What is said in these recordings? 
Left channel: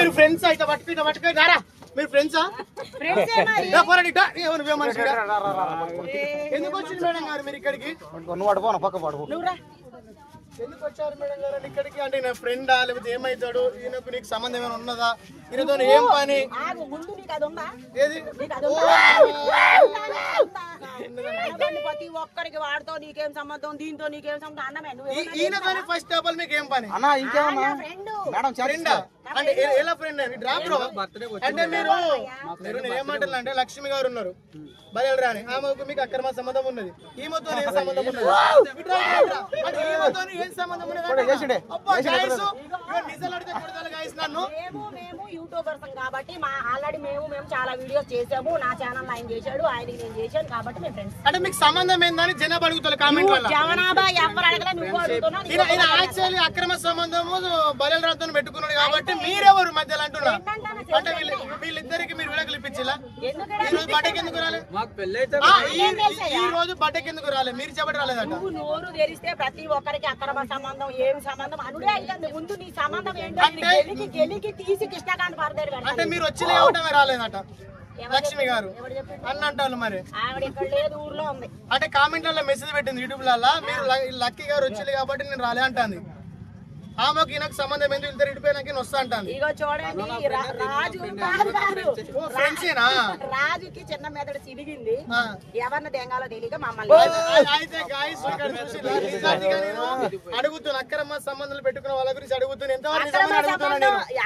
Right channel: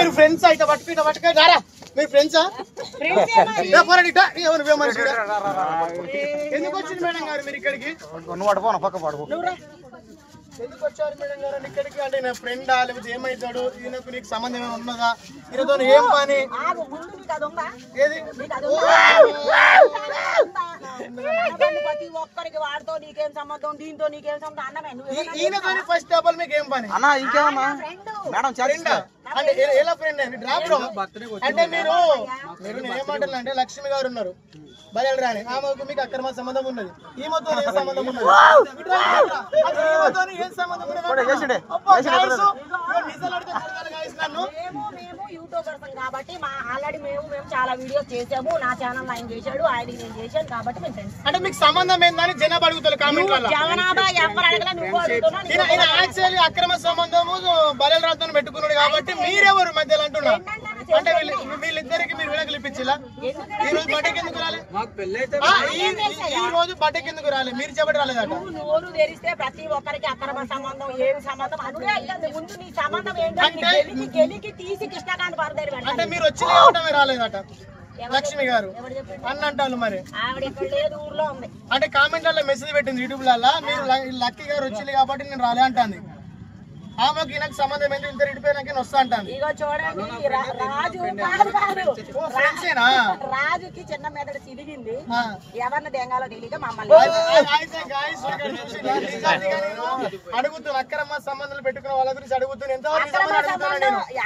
మీరు ఫ్రెండ్స్ అయితే పట్టుక రారా మీరు ఫ్రెండ్సా ఎందుకు వచ్చింది మేడం గారు మీరు ఇక్కడికి ఎందుకు వచ్చారు మేడం గారు ఇక్కడికి అంటే నేను ఫ్రెండా లేకపోతే ఏమైతాడు ఈయనకు నీకు సంబంధం ఏమైనా ఉన్నదా ఈయనతో ఏం పని ఏది ప్రతి ఒక్కరికి వాడితో నీకేం సంబంధం దీంతో నీకేం సంబంధం అన్నమే ఈయనతో ఫస్ట్ ఆఫ్ ఆల్ మీకు ఏం పని అన్న ఇంకేమన్నా మేడం ఫ్రెండా అంటే ఎలా ఫ్రెండ్ అండి డ్రాప్ లో అంటే మీరు ఏమంటారు అంటే లక్ష్మి గారు ఉన్నారు బయలు రాని ఆమెకు మీకు అక్రమ సంబంధం ఉన్నది ఈమెతో ఏం సంబంధం ఉన్నది ఈమెతో ఏం సంబంధం ఉన్నది మేము యూట్యూబర్స్ కాబట్టి మా ఆల్రెడీ మేము చాలా వీడియోస్ చేసాము నా ఛానల్ ఆయన చేశాడు ఆయన నేను చేశాను కాబట్టి మేము ఫ్రెండ్స్ అంటే మీకు సంబంధం ఏందని జనాభా అడుగుతారు కామెంట్ వల్ల జనాభా ఎవరు అడగల నువ్వు అడుగుతున్నావు యాక్చువల్లీ అక్రమ సంబంధము బయలు రాతో పెట్టుకున్నాడు కాబట్టి మీరెవరు మధ్యలో అంటున్నా అంటే వీళ్ళిద్దరికి మీరు విడాకులు ఇప్పించిలా ఈ రోజు బట్టకి ఎందుకు రాలే ఈ రోజు బట్టకి ఎందుకు రాలే మీరు చెప్పటి రాలేదట నువ్వు నోరు తెరిస్తే ప్రతి ఒక్కరికి అక్రమ సంబంధం ఏం సంబంధం అనుడే అయ్యింది ముందు నీ సంబంధం ఏంటంటే గెలికి తీసి కృష్ణకాంత్ పడతారు అంటే మీరు వచ్చి రాలేదట లక్ష్మి గారు అన్న అంటారు మరి ఆవిడ ఇక్కడ లేదు ఊర్లో ఉంది అంటే కామెంట్లలో మెసేజ్ పెట్టింది యూట్యూబ్ లలో మీరు లక్కీ గారు వచ్చింది కాబట్టి నేను రాలే అంటాను ఆమెకి నాకు సంబంధం ఏంటి ఇద్దరు ఇడిపోయినాక వస్తా అంటాను ఇగో చూడండి రాజు రాజుకి చిన్న మెదడు సిరిగింది ఎవరిని దెంగాలో తెలియక మమ్మల్ని అడుగుతున్నా అక్రమ సంబంధాలు పెట్టుకున్న వాళ్ళ గురించి అడుగుతున్నా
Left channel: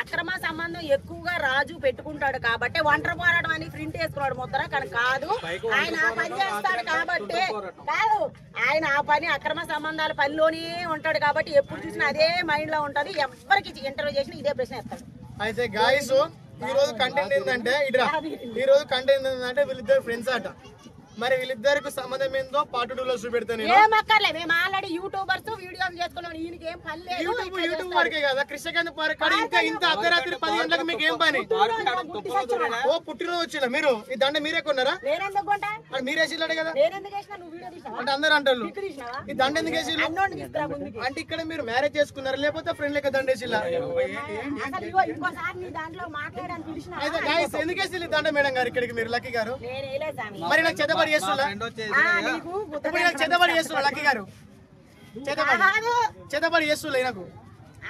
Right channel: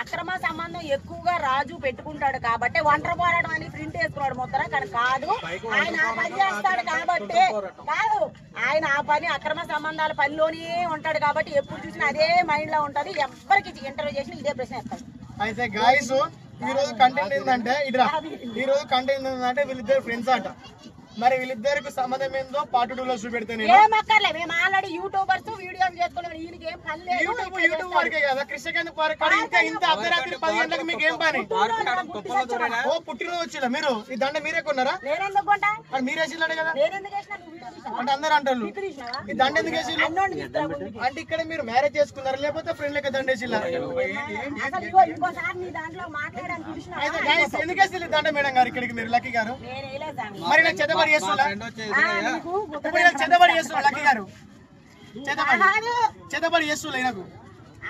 అక్రమ సంబంధం ఎక్కువగా రాజు పెట్టుకుంటాడు కాబట్టి ఒంటరి పోరాటం అని ప్రింట్ వేసుకున్నాడు ముద్ర కానీ కాదు ఆయన ఆ పని చేస్తాడు కాబట్టి కాదు ఆయన ఆ పని అక్రమ సంబంధాల పనిలోనే ఉంటాడు కాబట్టి ఎప్పుడు చూసినా అదే మైండ్ లో ఉంటది ఎవరికి ఇంటర్వ్యూ చేసినా ఇదే ప్రశ్న వేస్తాడు అయితే గాయస్ ఈ రోజు కంటెంట్ ఏంటంటే ఈ రోజు కంటెంట్ ఏంటంటే వీళ్ళిద్దరు ఫ్రెండ్స్ అట మరి వీళ్ళిద్దరికి సంబంధం ఏందో పార్ట్ 2 లో చూపెడతాను ఏమక్కర్లే మేము ఆల్రెడీ యూట్యూబర్స్ వీడియోలు చేసుకున్నాం ఈయనకి ఏం పని లేదు యూట్యూబ్ వరకే కదా కృష్ణకాంత్ పార్క్ ఇంకా ఇంత అర్ధరాత్రి 10 గంటలకు మీకు ఏం పని ఓ పుట్టినరోజు వచ్చిన మీరు ఈ దండ మీరే కొన్నారా నేనెందుకు కొంటా మీరు వేసిల్లాడు కదా నేనెందుకు వేసినా నువ్వు వీడియో తీసావా అంటే అందరు అంటారు ఈ దండ ఎందుకు వేసిల్లు అన్నోడిని తీసుకురా అంటే ఇక్కడ మీరు మ్యారేజ్ చేసుకున్నారు లేకపోతే ఫ్రెండ్ లెక్క దండ వేసిల్లా అసలు ఇగో ఇంకోసారి నీ దాంట్లో మాట్లాడడానికి పిలిచినా అయితే గాయస్ ఎందుకు వేసిల్లు దండ మేడం గారు ఇక్కడికి మీరు లక్కీ గారు నేను వేయలేదు స్వామి మరి నాకు చెత్తబడి చేస్తున్నా నీకు ఇప్పుడు నాకు చెత్తబడి చేస్తున్నా లక్కీ గారు చెత్తబడి చేస్తున్నా నాకు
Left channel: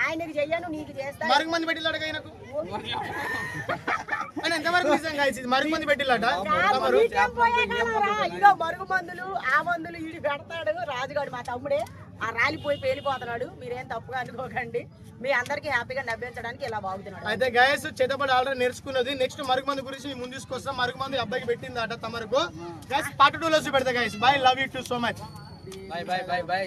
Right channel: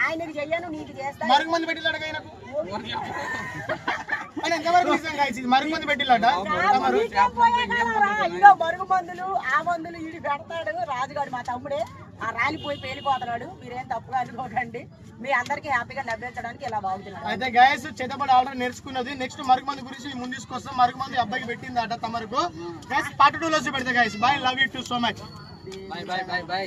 ఆయనకి చెయ్యను నీకు చేస్తా మరుగు మంది పెట్టిల్లాడు ఆయనకు అని ఎంతవరకు నిజం గాయస్ ఇది మరుగు మంది పెట్టిల్లాట ఇదో మరుగు మందులు ఆ మందులు ఇడి పెడతాడు రాజుగాడు మా తమ్ముడే ఆ రాలిపోయి పేలిపోతున్నాడు మీరేం తప్పుగా అనుకోకండి మీ అందరికి హ్యాపీగా నవ్వించడానికి ఇలా బాగుతున్నాడు అయితే గాయస్ చేతబడి ఆల్రెడీ నేర్చుకున్నది నెక్స్ట్ మరుగు మంది గురించి ముందు తీసుకొస్తాం మరుగు మంది అబ్బాయికి పెట్టింది అట తమరకు గాయస్ పార్ట్ 2 లో చూపెడతా guys bye love you too so much bye bye bye by